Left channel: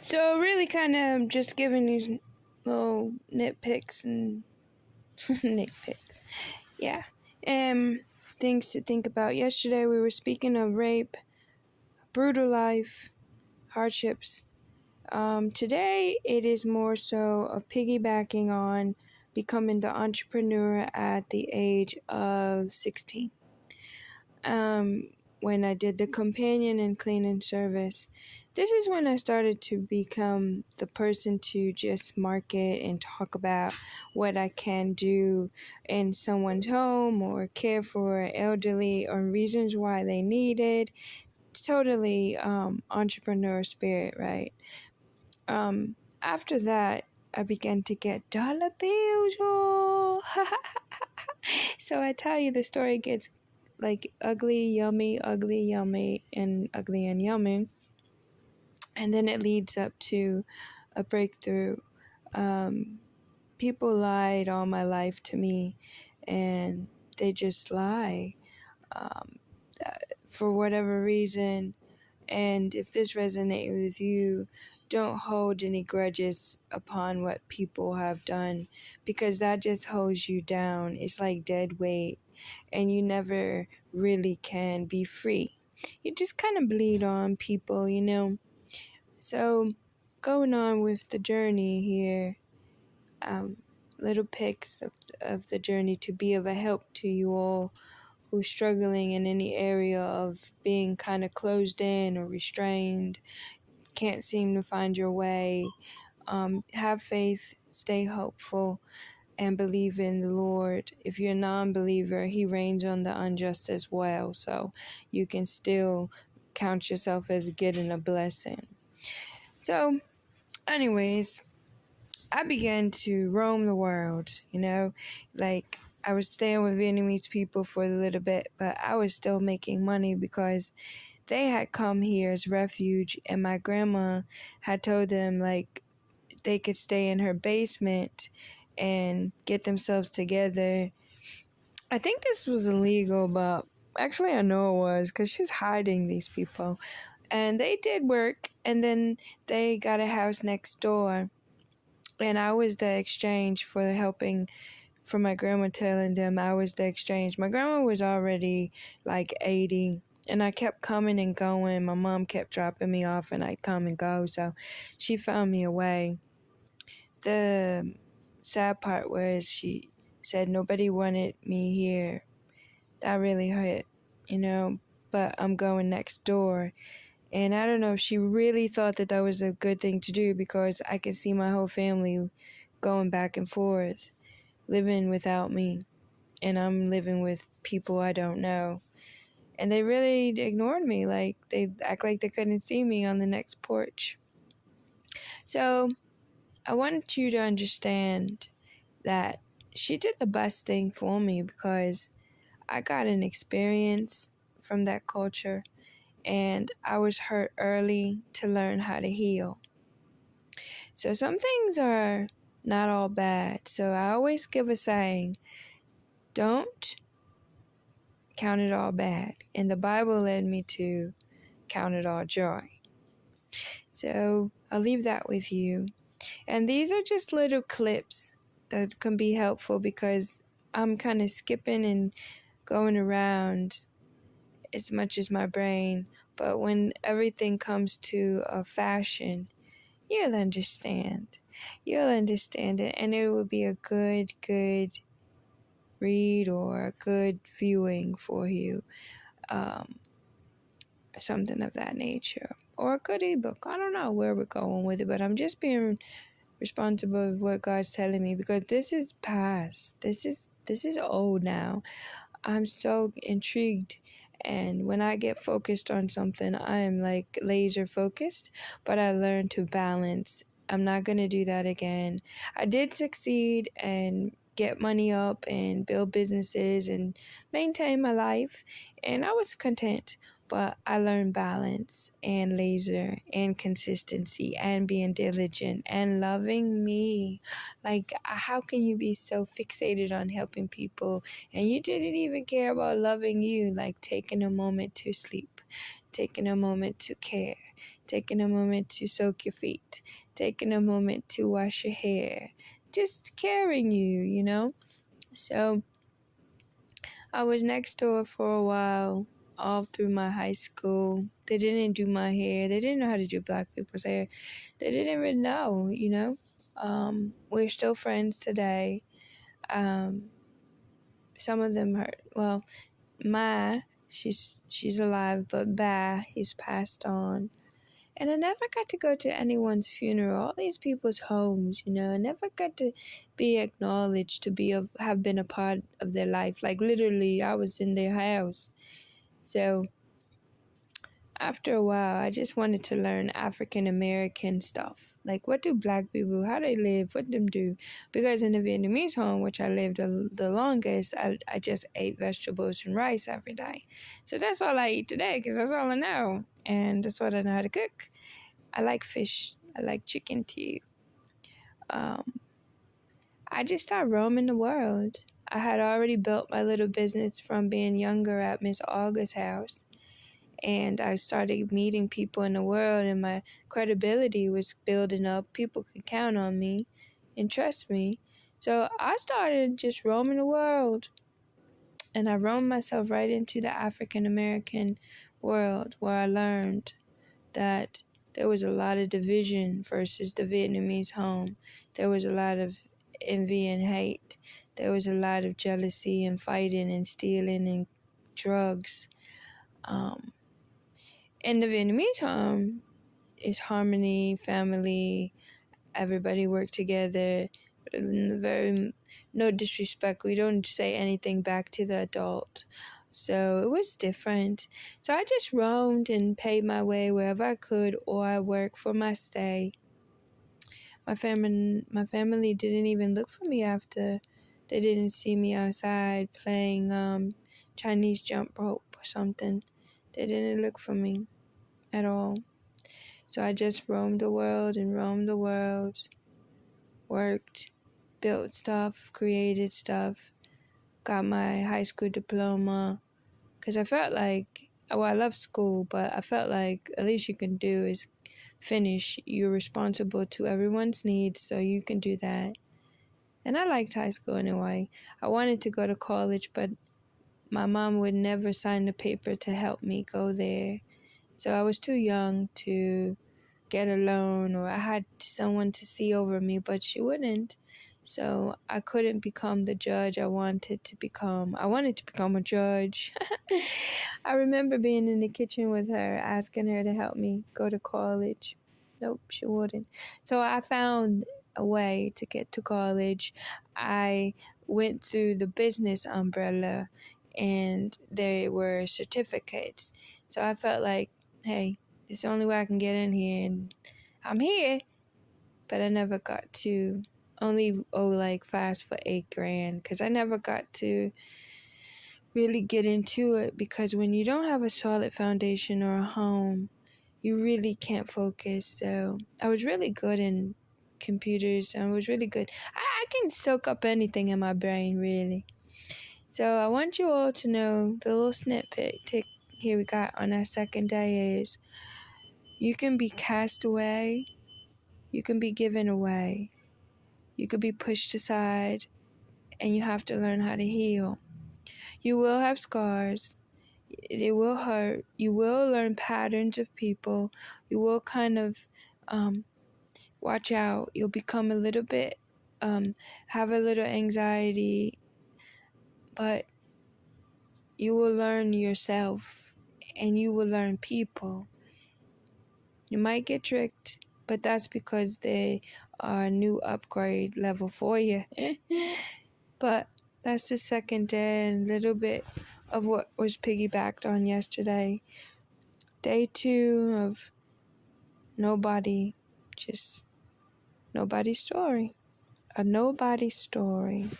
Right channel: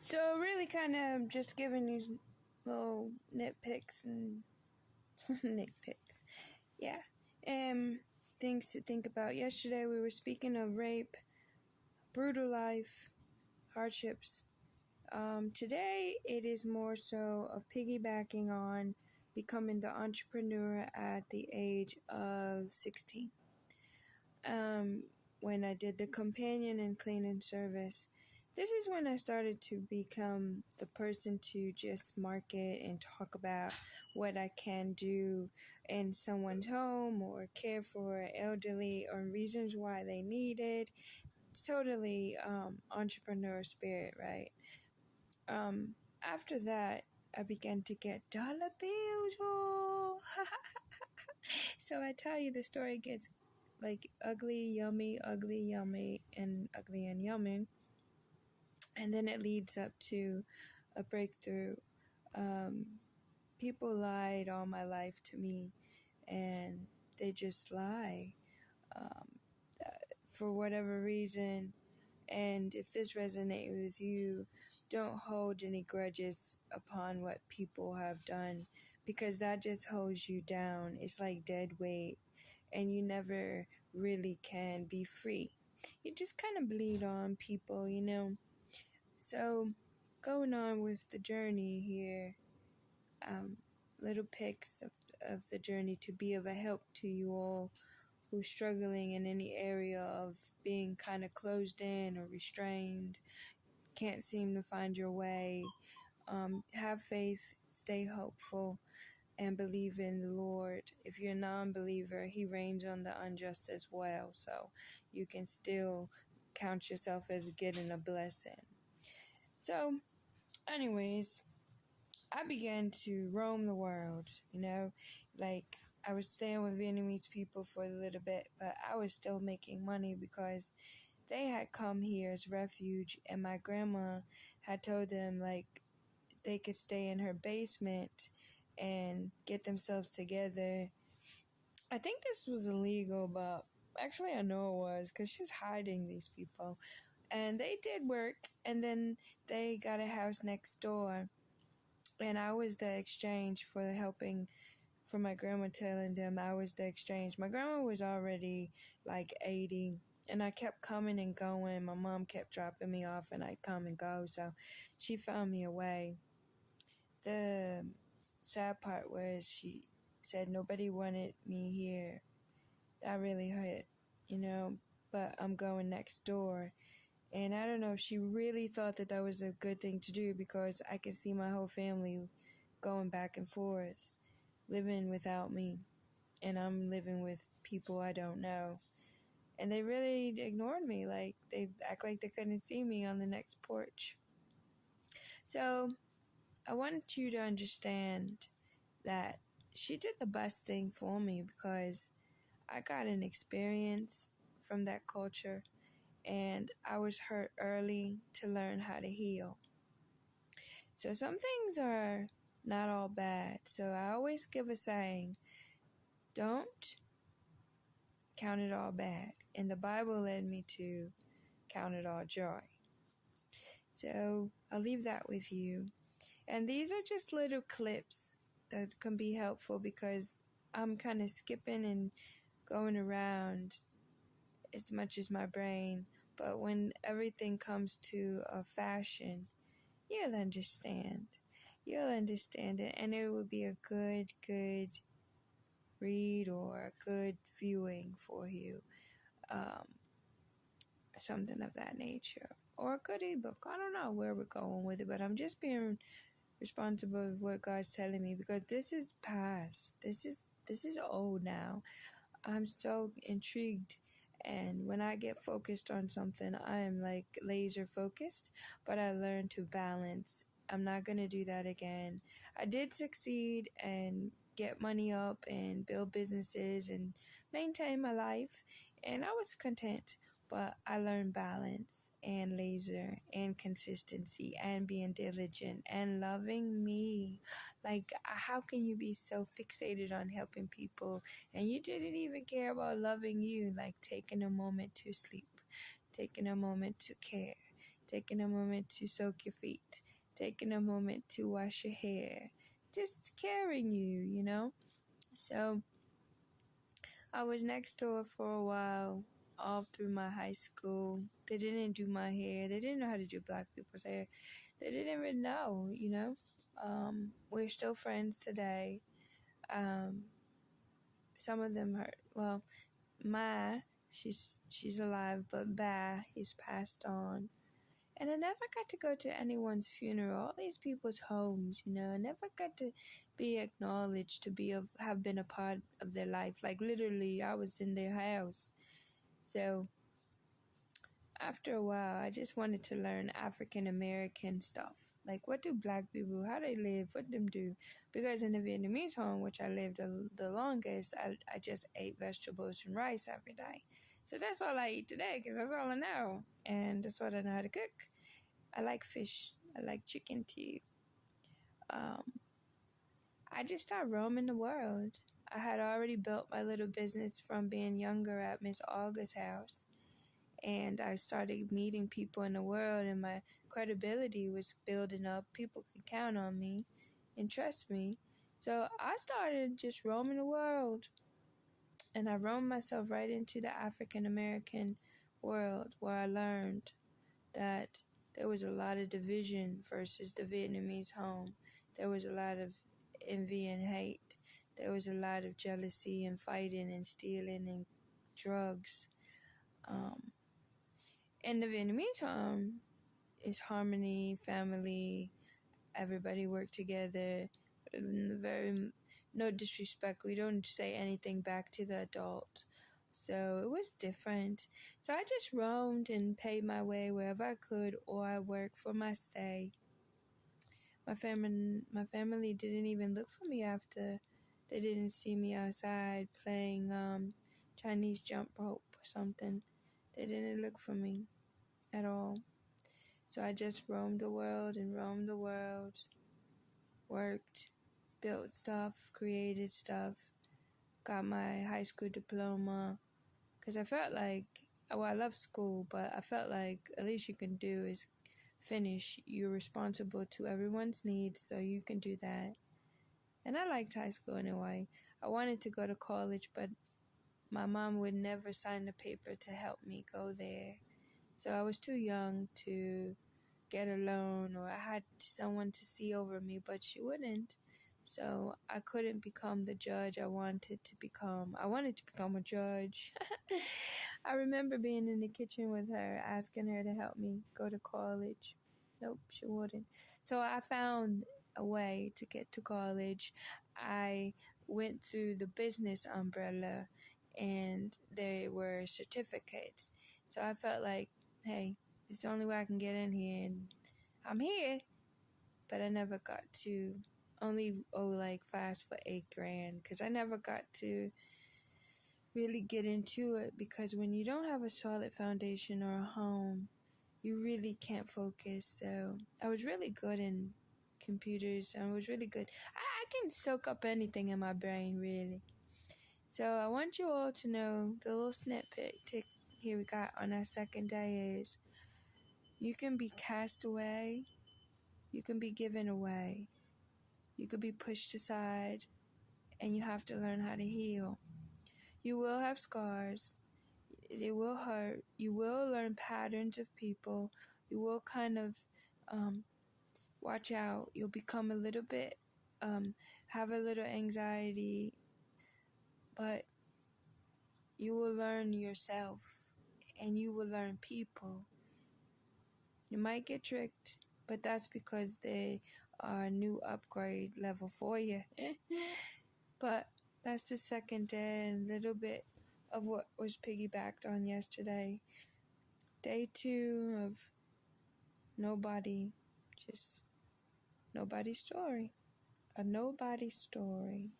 So really kind of just giving these little nitpicks and nitpicks. Yeah. Things to think about. Yesterday we were speaking of rape, brutal life, hardships. Today it is more so of piggybacking on becoming the entrepreneur at the age of 16. When I did the companion and cleaning service, this is when I started to become the person to just market and talk about what I can do in someone's home or care for elderly or reasons why they need it. It's totally entrepreneur spirit, right? After that, I began to get dollar bills. Oh. So I tell you, the story gets like ugly, yummy, and ugly and yummy. And then it leads up to a breakthrough. People lied all my life to me, and they just lie for whatever reason. And if this resonates with you, don't hold any grudges upon what people have done, because that just holds you down. It's like dead weight, and you never really can be free. You just kind of bleed on people, you know. So going on with the journey here, little pics of the journey to be of a help to you all who's struggling in any area of being kind of closed in or restrained, can't seem to find your way. Have faith, stay hopeful, and believe in the Lord. If you're a non-believer, He reigns on the unjust as well, so you can still count yourself as getting a blessing. So, anyways, I began to roam the world, you know, like I was staying with Vietnamese people for a little bit, but I was still making money because they had come here as refuge, and my grandma had told them like they could stay in her basement and get themselves together. I think this was illegal, but actually I know it was because she's hiding these people. And they did work, and then they got a house next door. And I was the exchange for helping, for my grandma telling them I was the exchange. My grandma was already like 80, and I kept coming and going. My mom kept dropping me off, and I'd come and go. So she found me a way. The sad part was she said nobody wanted me here. That really hurt, you know, but I'm going next door. And I don't know if she really thought that that was a good thing to do, because I could see my whole family going back and forth, living without me. And I'm living with people I don't know. And they really ignored me. Like, they act like they couldn't see me on the next porch. So I want you to understand that she did the best thing for me, because I got an experience from that culture, and I was hurt early to learn how to heal. So some things are not all bad. So I always give a saying, don't count it all bad. And the Bible led me to count it all joy. So I'll leave that with you. And these are just little clips that can be helpful, because I'm kind of skipping and going around as much as my brain. But when everything comes to a fashion, you'll understand. You'll understand it, and it will be a good read or a good viewing for you. Something of that nature. Or a good ebook. I don't know where we're going with it, but I'm just being responsible of what God's telling me, because this is past. This is old now. I'm so intrigued, and when I get focused on something, I am like laser focused, but I learned to balance. I'm not going to do that again. I did succeed and get money up and build businesses and maintain my life, and I was content. But I learned balance and laser and consistency and being diligent and loving me. Like, how can you be so fixated on helping people and you didn't even care about loving you? Like taking a moment to sleep, taking a moment to care, taking a moment to soak your feet, taking a moment to wash your hair, just caring you know? So I was next door for a while, all through my high school. They didn't do my hair. They didn't know how to do black people's hair. They didn't even know, you know? We're still friends today. Um, some of them hurt. Well, Ma, she's alive, but Ba, he's passed on. And I never got to go to anyone's funeral, all these people's homes, you know. I never got to be acknowledged to have been a part of their life. Like literally, I was in their house. So after a while, I just wanted to learn African American stuff. Like, what do black people, how they live, what them do? Because in the Vietnamese home, which I lived the longest, I just ate vegetables and rice every day. So that's all I eat today, because that's all I know. And that's what I know how to cook. I like fish. I like chicken too. I just started roaming the world. I had already built my little business from being younger at Miss August's house. And I started meeting people in the world, and my credibility was building up. People could count on me and trust me. So I started just roaming the world. And I roamed myself right into the African American world, where I learned that there was a lot of division versus the Vietnamese home. There was a lot of envy and hate. There was a lot of jealousy and fighting and stealing and drugs. In the Vietnamese home, it's harmony, family, everybody work together. Very no disrespect. We don't say anything back to the adult. So it was different. So I just roamed and paid my way wherever I could, or I worked for my stay. My family didn't even look for me after. They didn't see me outside playing Chinese jump rope or something. They didn't look for me at all. So I just roamed the world, worked, built stuff, created stuff, got my high school diploma. Because I felt like, well, I love school, but I felt like at least you can do is finish. You're responsible to everyone's needs, so you can do that. And I liked high school anyway. I wanted to go to college, but my mom would never sign the paper to help me go there. So I was too young to get a loan, or I had someone to see over me, but she wouldn't. So I couldn't become the judge I wanted to become. I wanted to become a judge. I remember being in the kitchen with her, asking her to help me go to college. Nope, she wouldn't. So I found a way to get to college. I went through the business umbrella, and there were certificates. So I felt like, hey, it's the only way I can get in here, and I'm here. But I never got to only like fast for $8,000, because I never got to really get into it, because when you don't have a solid foundation or a home, you really can't focus. So I was really good in computers. I was really good. I can soak up anything in my brain, really. So I want you all to know the little snippet here we got on our second day is, you can be cast away, you can be given away, you could be pushed aside, and you have to learn how to heal. You will have scars. It will hurt. You will learn patterns of people. You will kind of watch out. You'll become a little bit, have a little anxiety, but you will learn yourself, and you will learn people. You might get tricked, but that's because they are a new upgrade level for you. But that's the second day, and a little bit of what was piggybacked on yesterday. Day 2 of nobody, just nobody's story. A nobody story.